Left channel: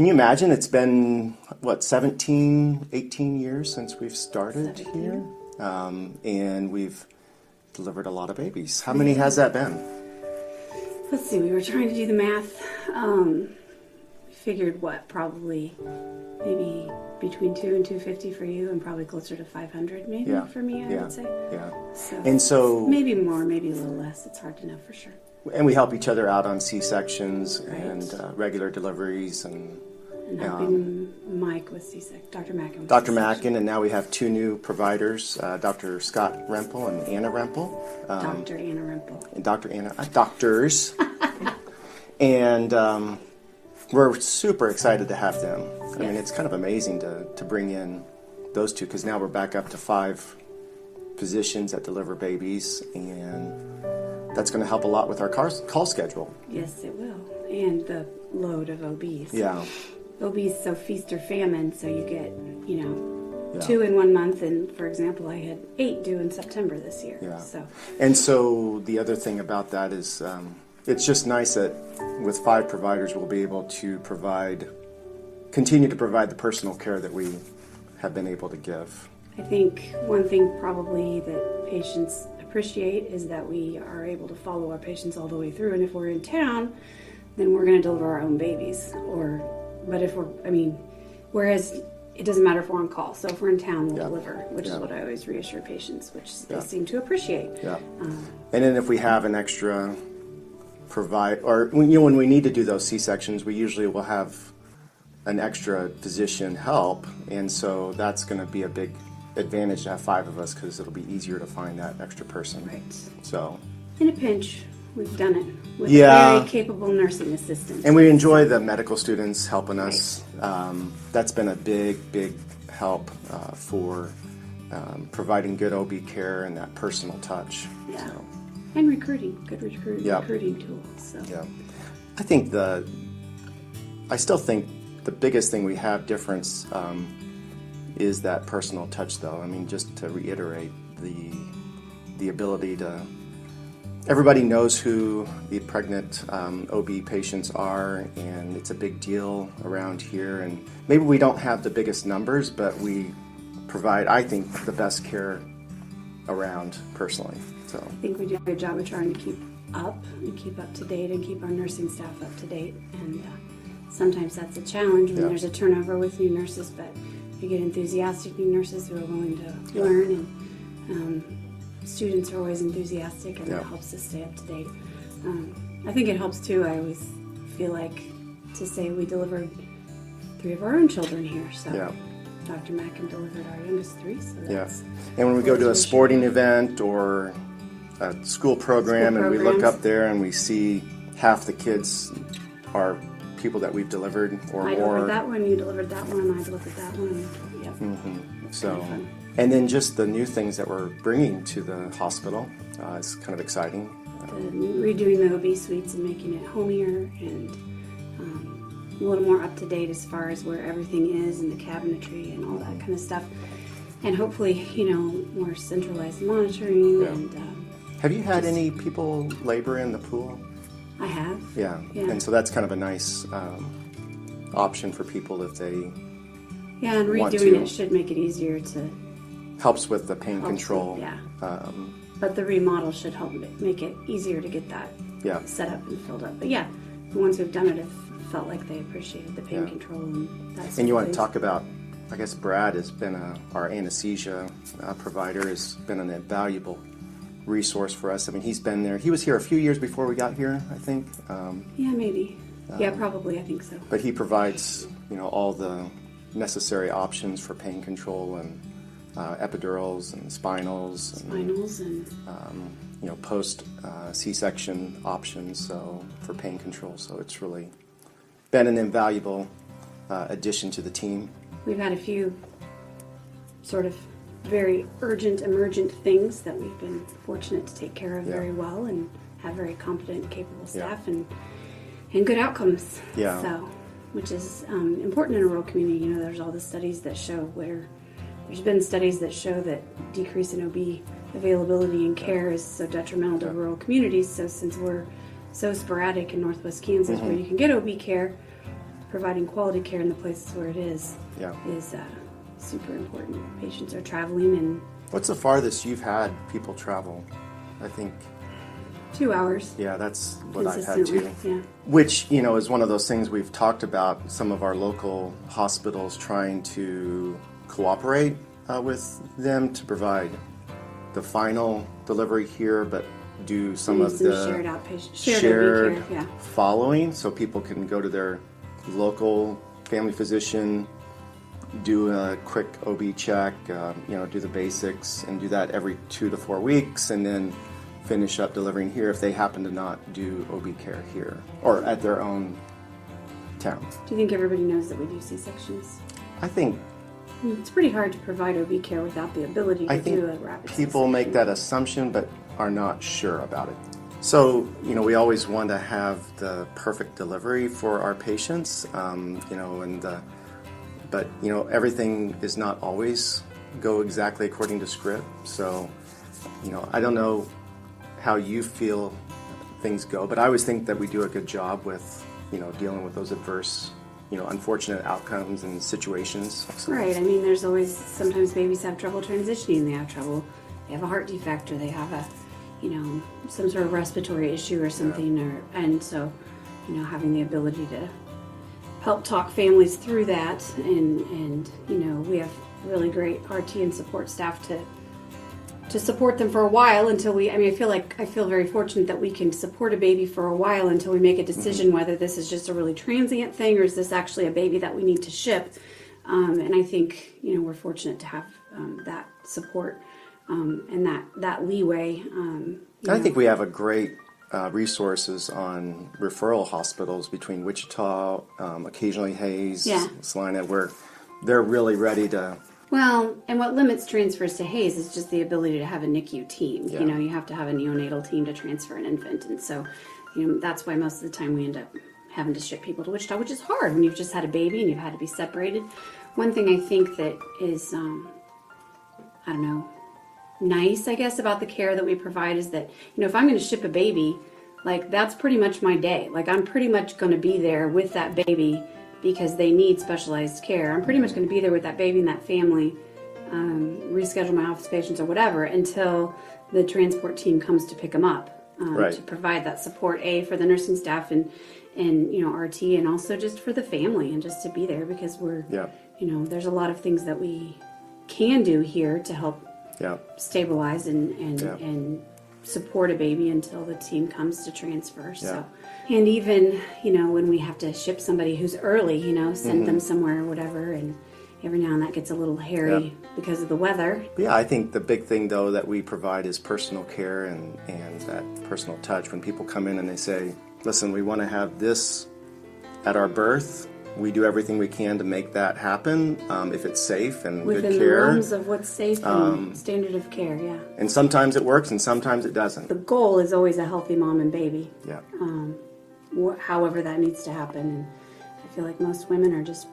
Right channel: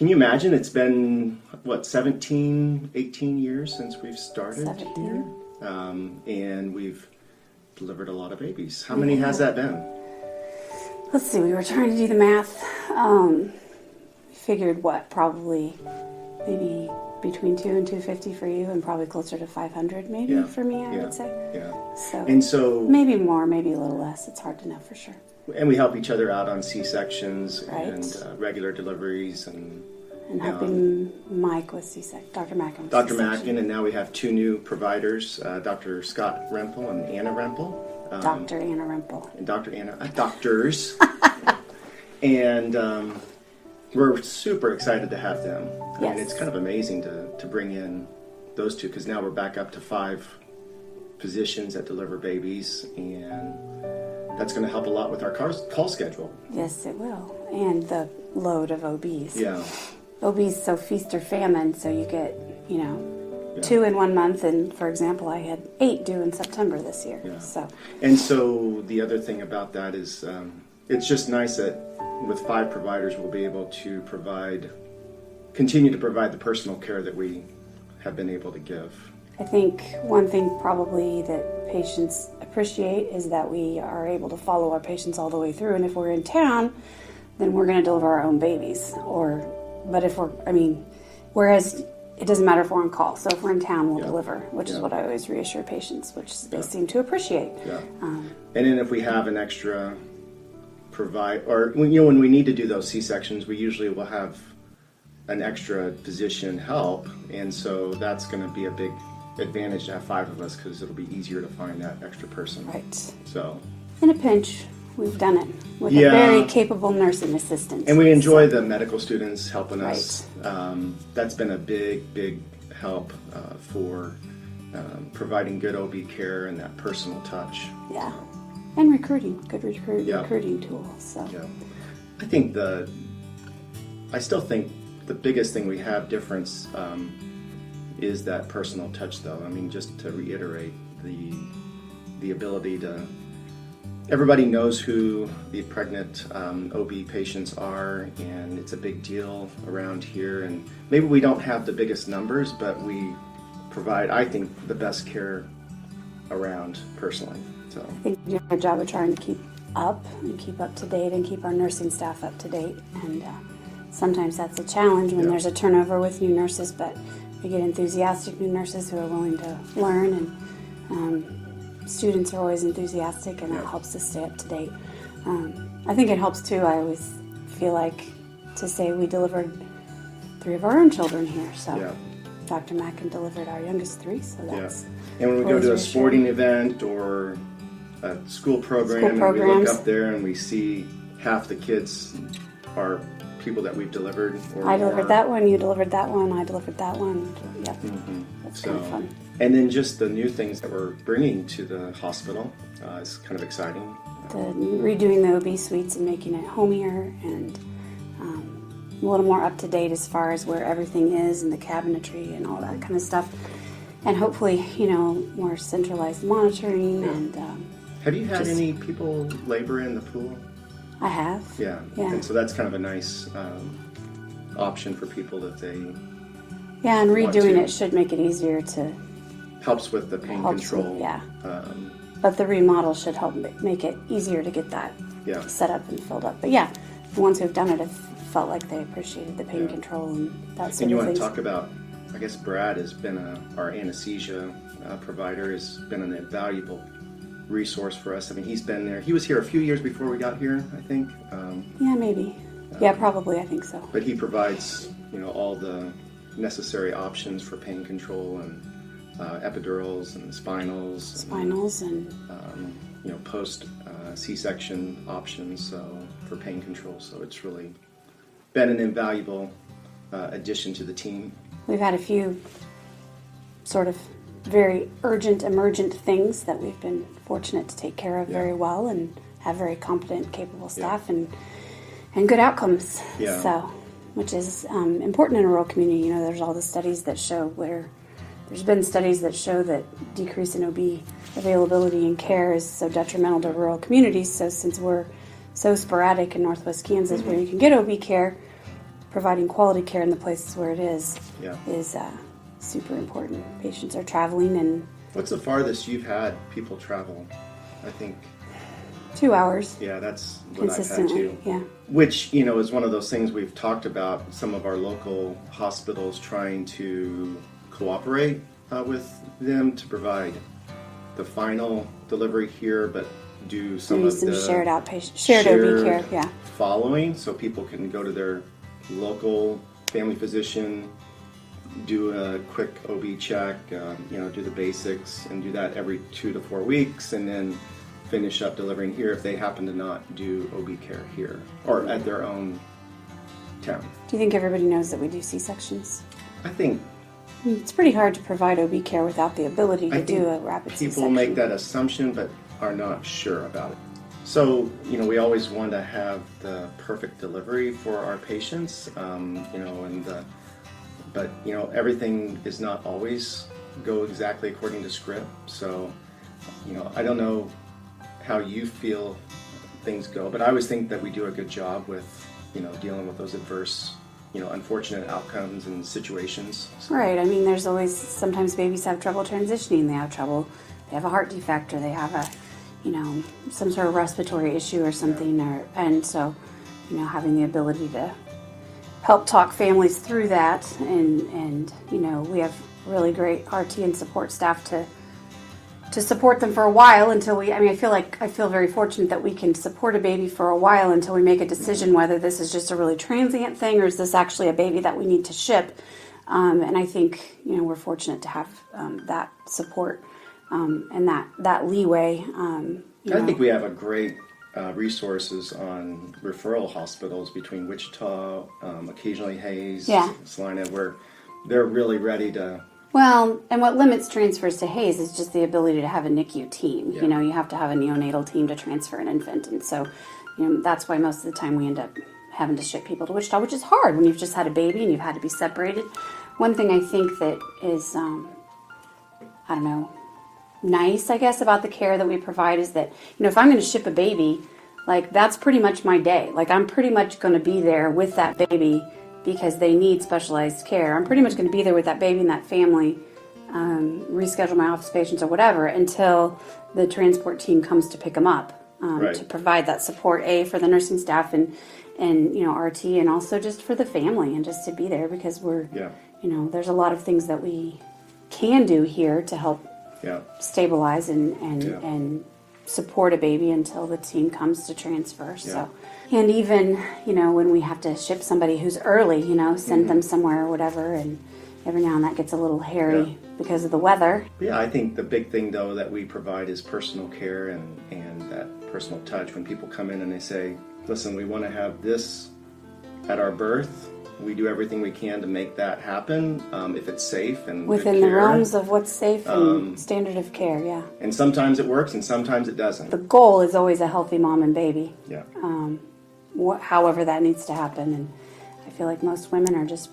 Can you imagine? It's been, 17, 18 years since we've started 17. here? And we've delivered a lot of babies. How many has that been? Let's see, we were trying to do the math. Figured probably maybe between 2 and 250 for you, and probably closer to 500 maybe for me, I would say. Yeah. So maybe more, maybe a little less. It's hard to know for sure. And we help each other out on C-sections Right. and regular deliveries and helping Mike with C-section, Dr. Mackin. Dr. Mackin, and now we have 2 new providers, Dr. Scott Rempel and Anna Rempel. Dr. Anna Rempel. And Dr. Anna, doctors. And we're super excited to have them. I mean, it's kind of amazing to bring in those 2, because now we're back up to 5 physicians that deliver babies, and that's going to help a lot with our call schedule. Yes, it will. And the load of OBs. Yeah. OBs, so feast or famine, so you get, 2 in 1 month, and for example, I had 8 due in September this year. Yeah. And so the other thing about that is it's just nice that with 5 providers we'll be able to continue to provide the personal care that we have been able to give. I think one thing probably that patients appreciate is that we are able to follow our patients all the way through, and if we're in town, then we're going to deliver our own babies. Whereas it doesn't matter if we're on call. So if we're in town, we'll deliver, which is what I always reassure patients, which they seem to appreciate. Yeah. And then if we have an extra when we need to do those C-sections, we usually will have an extra physician help, and so that's going to be a big advantage to have 5 of us, because it'll be easier to find that extra person. Right. So. In a pinch, we've done it with a very capable nursing assistant. And we enjoy the medical students helping us. Right. That's been a big help for providing good OB care and that personal touch. Yeah. So. And recruiting, good recruiting tools. So. Yeah. I still think the biggest thing we have difference is that personal touch, though. I mean, just to reiterate, the ability to. Everybody knows who the pregnant OB patients are, and it's a big deal around here. And maybe we don't have the biggest numbers, but we provide, I think, the best care around personally. So I think we do a good job of trying to keep up to date and keep our nursing staff up to date. And sometimes that's a challenge when there's a turnover with new nurses, but we get enthusiastic new nurses who are willing to learn, and students are always enthusiastic, and that helps us stay up to date. I think it helps too. I always feel like to say we delivered 3 of our own children here. So Dr. Mackin delivered our youngest 3. So that's And when we go to a sporting event or a school program, and we look up there and we see half the kids are people that we've delivered or more. I delivered that one, you delivered that one, I delivered that one. Yeah. Mm-hmm. So fun. And then just the new things that we're bringing to the hospital is kind of exciting. Redoing the OB suites and making it homier and a little more up to date as far as where everything is and the cabinetry and all that kind of stuff. And hopefully, more centralized monitoring. And have you had any people labor in the pool? I have. Yeah. And so that's kind of a nice option for people if they. Yeah, and redoing it should make it easier to. Helps with the pain control. But the remodel should help make it easier to get that set up and filled up. But the ones who've done it have felt like they appreciated the pain control and that sort of thing. And you want to talk about, I guess Brad has been our anesthesia provider, has been an invaluable resource for us. I mean, he's been there. He was here a few years before we got here, I think. Maybe. Probably, I think so. But he provides, all the necessary options for pain control and epidurals and spinals and post C-section options for pain control. So it's really been an invaluable addition to the team. We've had a few sort of very urgent, emergent things that we've been fortunate to take care of very well and have very competent, capable staff and good outcomes. Yeah. So, which is important in a rural community. There's all the studies that show there's been studies that show that decrease in OB availability and care is so detrimental to rural communities. So since we're so sporadic in Northwest Kansas where you can get OB care, providing quality care in the places where it is Yeah. is super important. Patients are traveling, and What's the farthest you've had people travel? I think, 2 hours yeah, that's what I've had consistently. too. Yeah. Which, is one of those things we've talked about, some of our local hospitals trying to cooperate with them to provide the final delivery here, but do some Maybe of some the shared outpatient, shared OB care. Yeah. following, so people can go to their local family physician, do a quick OB check, do the basics, and do that every 2 to 4 weeks, and then finish up delivering here if they happen to not do OB care here or at their own town. Do you think everybody knows that we do C-sections? I think It's pretty hard to provide OB care without the ability to do a rapid people C-section. make that assumption but are not sure about it. So, we always want to have the perfect delivery for our patients, but everything does not always go exactly according to script. So, I don't know how you feel things go, but I always think that we do a good job with, dealing with those adverse, unfortunate outcomes and situations. So, Right. I mean, there's always, sometimes babies have trouble transitioning. They have a heart defect, or they have some sort of respiratory issue or something, and so, having the ability to help talk families through that, and we have really great RT and support staff to support them for a while until I feel very fortunate that we can support a baby for a while until we make a decision whether this is just a really transient thing or is this actually a baby that we need to ship. And I think, we're fortunate to have that support and that leeway. I think we have a great resources on referral hospitals between Wichita, occasionally Hayes, Salina, where they're really ready to. Well, and what limits transfers to Hayes is just the ability to have a NICU team. Yeah. You have to have a neonatal team to transfer an infant, and so, that's why most of the time we end up having to ship people to Wichita, which is hard when you've just had a baby and you've had to be separated. One thing I think that is, nice, I guess, about the care that we provide is that, if I'm going to ship a baby, that's pretty much my day. I'm pretty much going to be there with that baby because they need specialized care. I'm pretty much going to be there with that baby and that family, reschedule my office patients or whatever until the transport team comes to pick them up, Right. to provide that support, for the nursing staff and RT, and also just for the family, and just to be there because there's a lot of things that we can do here to help stabilize and support a baby until the team comes to transfer. So, and even when we have to ship somebody who's early, send them somewhere or whatever, and every now and then that gets a little hairy because of the weather. Yeah, I think the big thing though that we provide is personal care and that personal touch. When people come in and they say, listen, we want to have this at our birth, we do everything we can to make that happen, if it's safe and within good the care. realms of what's safe and standard of care. And sometimes it works and sometimes it doesn't. The goal is always a healthy mom and baby. Yeah. However that needs to happen, and I feel like most women are just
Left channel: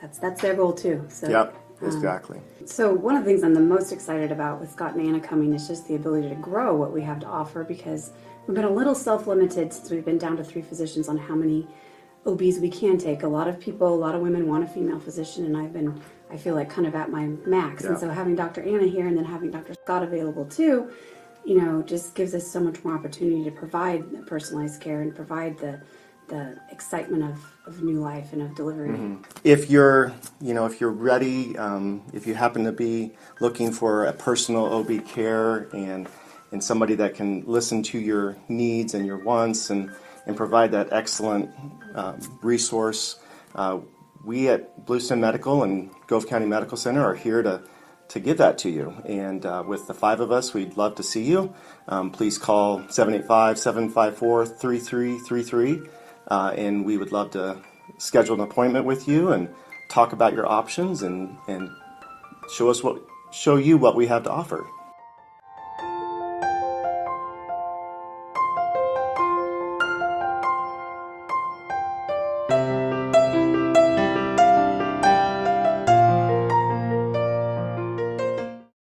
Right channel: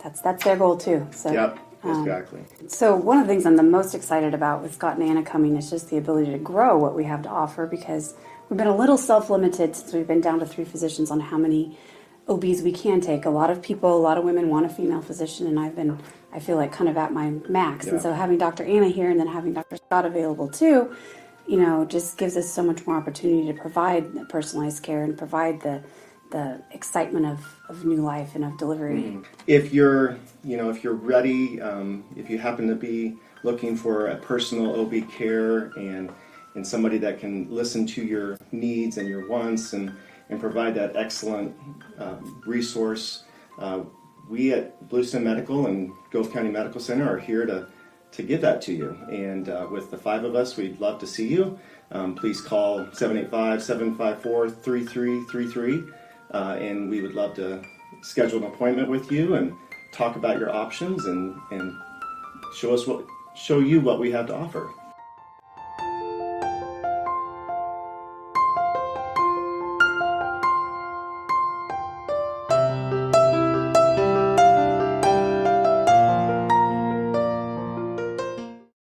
that's their goal too. So, Yeah, exactly. So one of the things I'm the most excited about with Scott and Anna coming is just the ability to grow what we have to offer, because we've been a little self-limited since we've been down to 3 physicians on how many OBs we can take. A lot of women want a female physician, and I feel like kind of at my max. And so having Dr. Anna here and then having Dr. Scott available too, just gives us so much more opportunity to provide personalized care and provide the excitement of new life and of delivery. Mm-hmm. If you're ready, if you happen to be looking for a personal OB care and somebody that can listen to your needs and your wants and provide that excellent resource, we at Bluestem Medical and Gove County Medical Center are here to give that to you. And with the 5 of us, we'd love to see you. Please call 785-754-3333, and we would love to schedule an appointment with you and talk about your options and show you what we have to offer.